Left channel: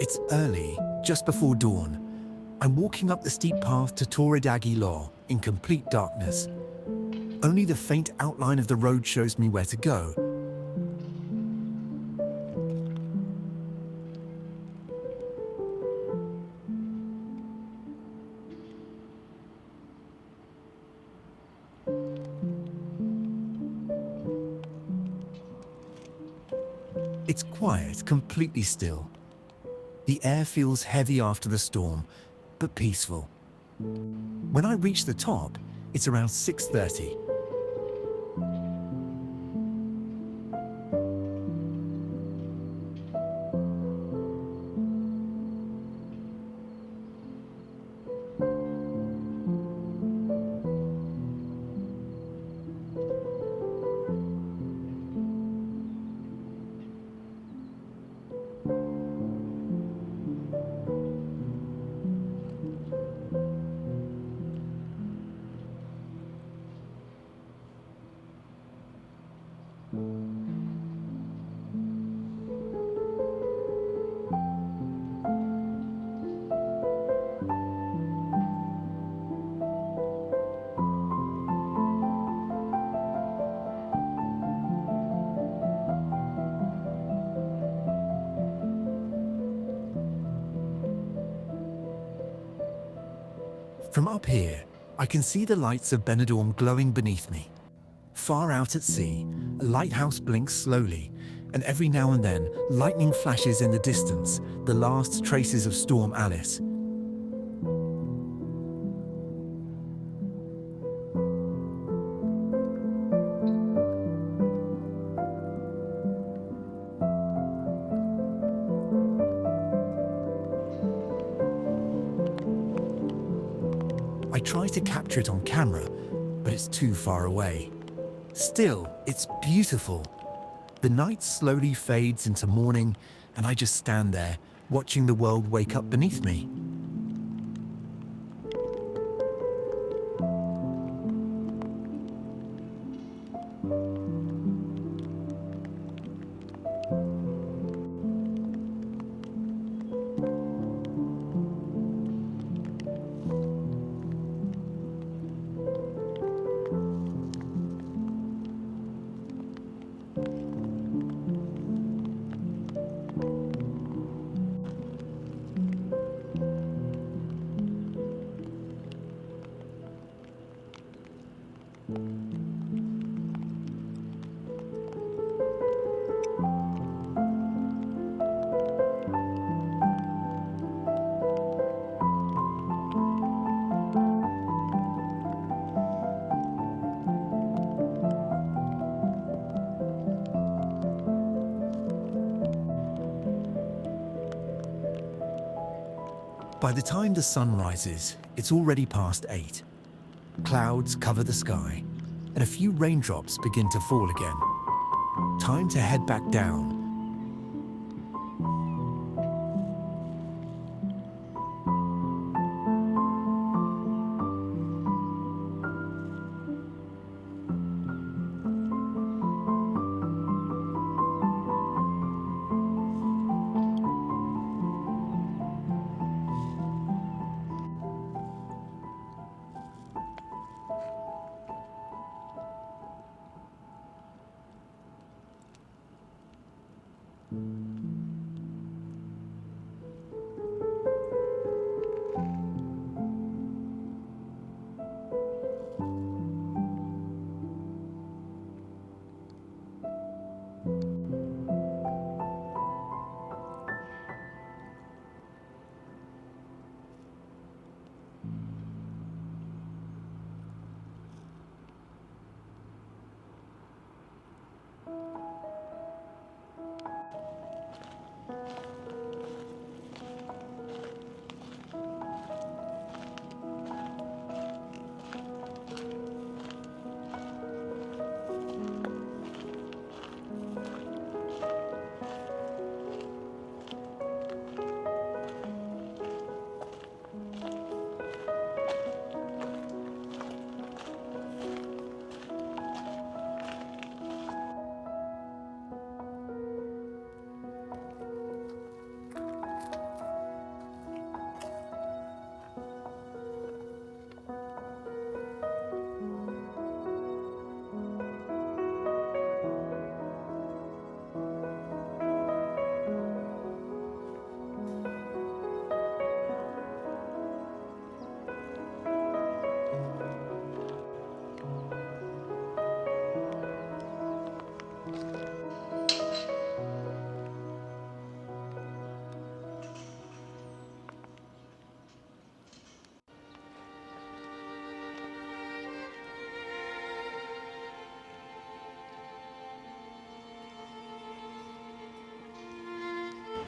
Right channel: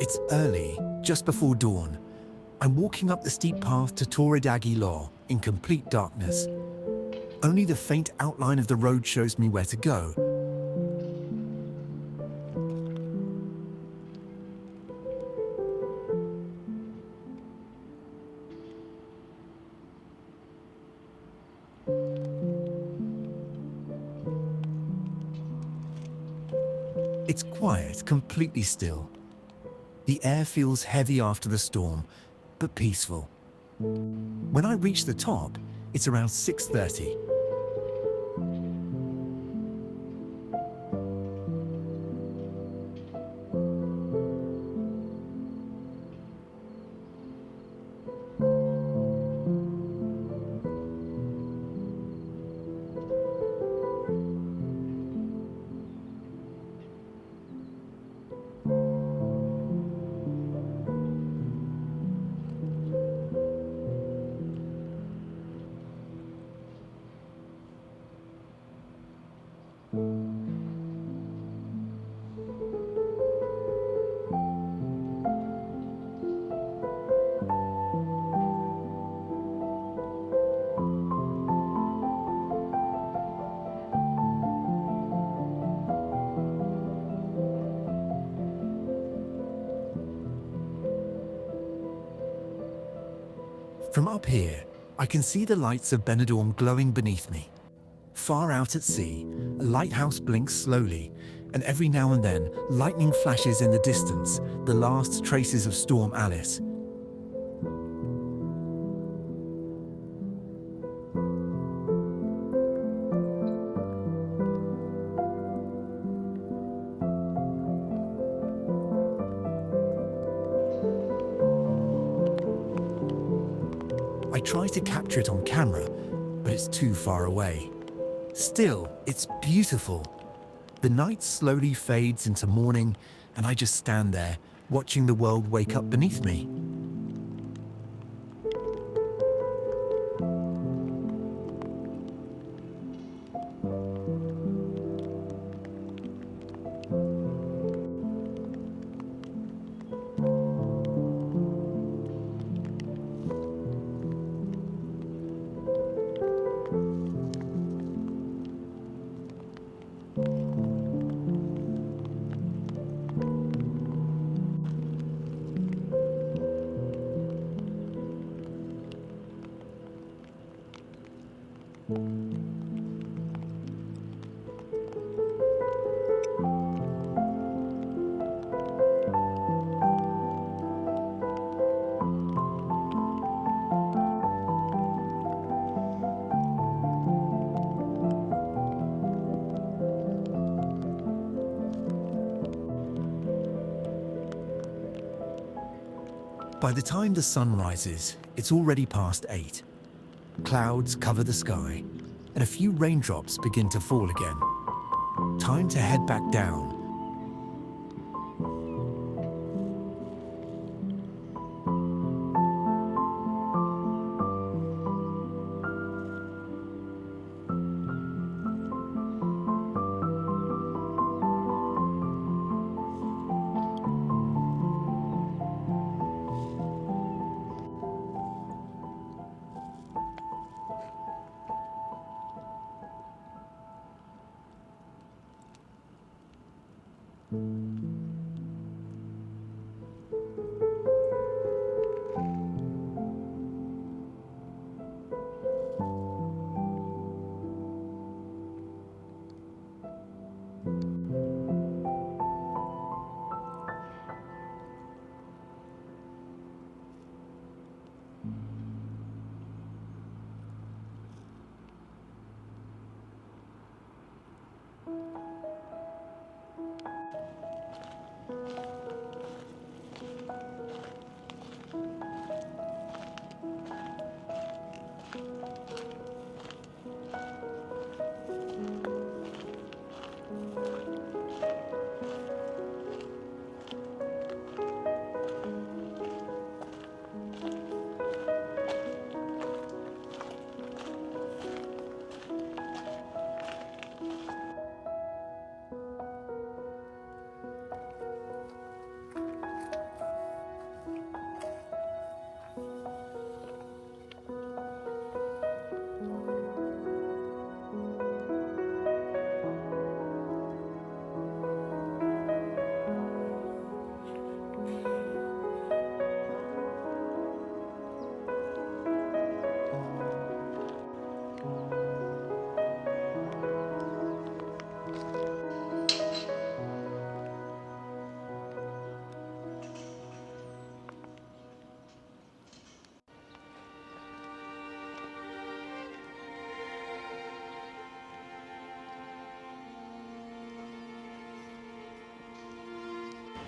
It's early, just before dawn. I'm walking up the steep path to Torre de Aguiló in complete darkness. Only the faint outline of the road shows me where to go. It's quiet, completely still. The air feels heavy after the storm, but peaceful. When I reach the top, it's around 6:30. From up here, I can see the lights of Benidorm glowing beneath me. Far out at sea, a lighthouse blinks slowly, and every now and then, lightning flashes in the distance, the last traces of Storm Alice. I try to capture it on camera, but it's too far away. Still, it's beautiful. The night slowly fades into morning, and I just stand there, watching the world wake up beneath me. By the time the sun rises, it's already past 8. Clouds cover the sky, and a few raindrops begin to fall again. Time to head back down.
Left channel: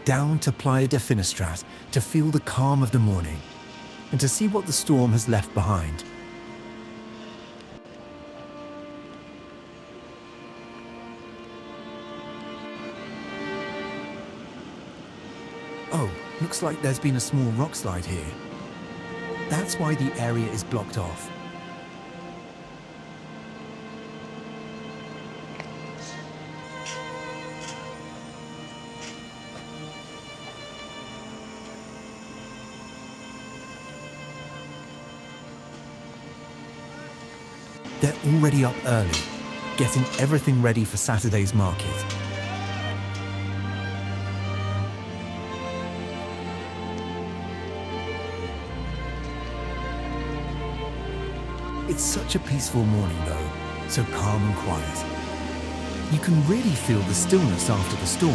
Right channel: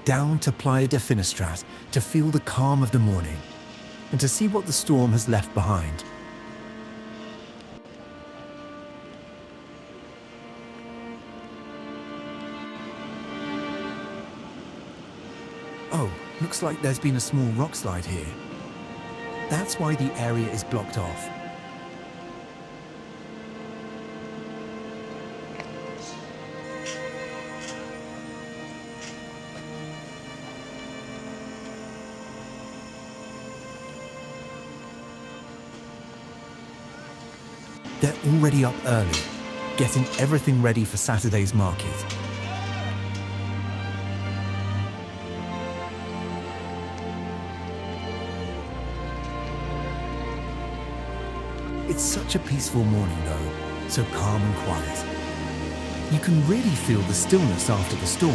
down to Playa de Finestrat to feel the calm of the morning and to see what the storm has left behind. Oh, looks like there's been a small rock slide here. That's why the area is blocked off. They're already up early, getting everything ready for Saturday's market. It's such a peaceful morning though, so calm and quiet. You can really feel the stillness after the storm.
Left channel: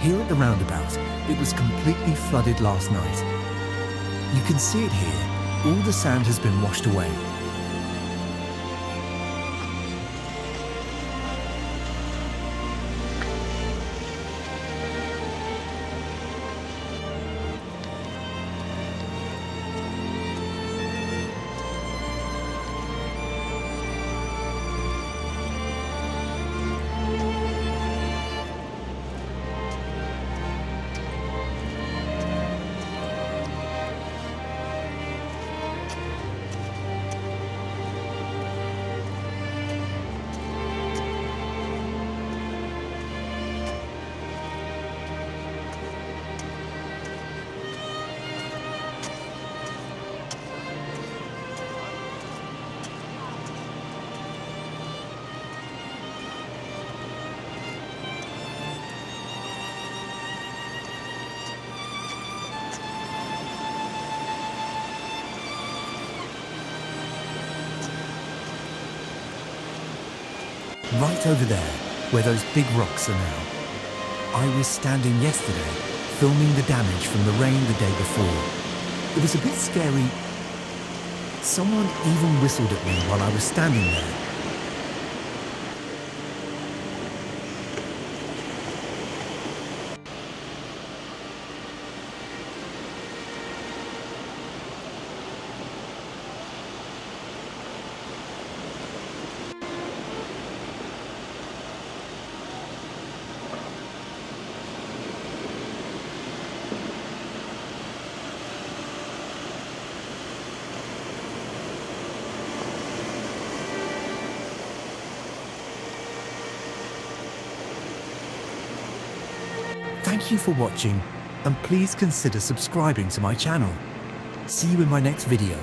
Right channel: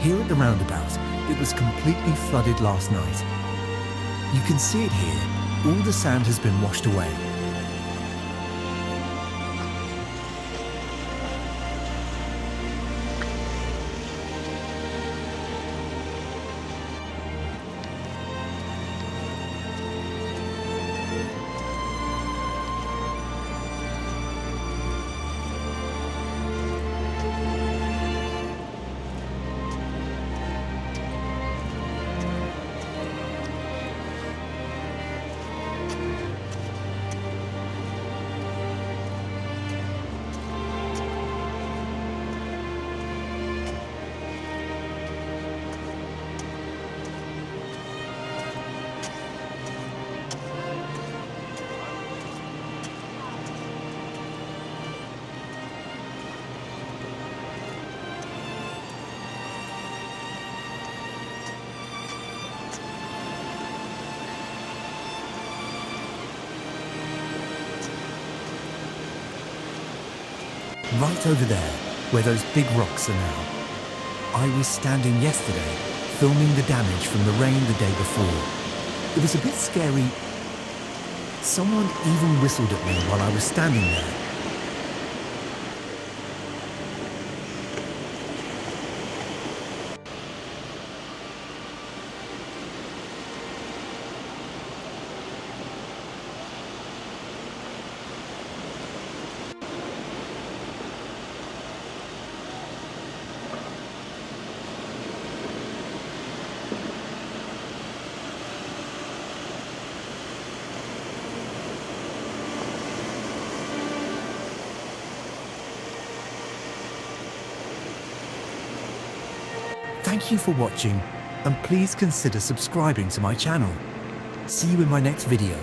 Here at the roundabout, it was completely flooded last night. You can see it here, all the sand has been washed away. Right over there, where those big rocks are now. I was standing yesterday, filming the damage from the rain the day before. It was a bit scary. Someone even whistled at me while I was standing there. Thank you for watching, and please consider subscribing to my channel. See you in my next video.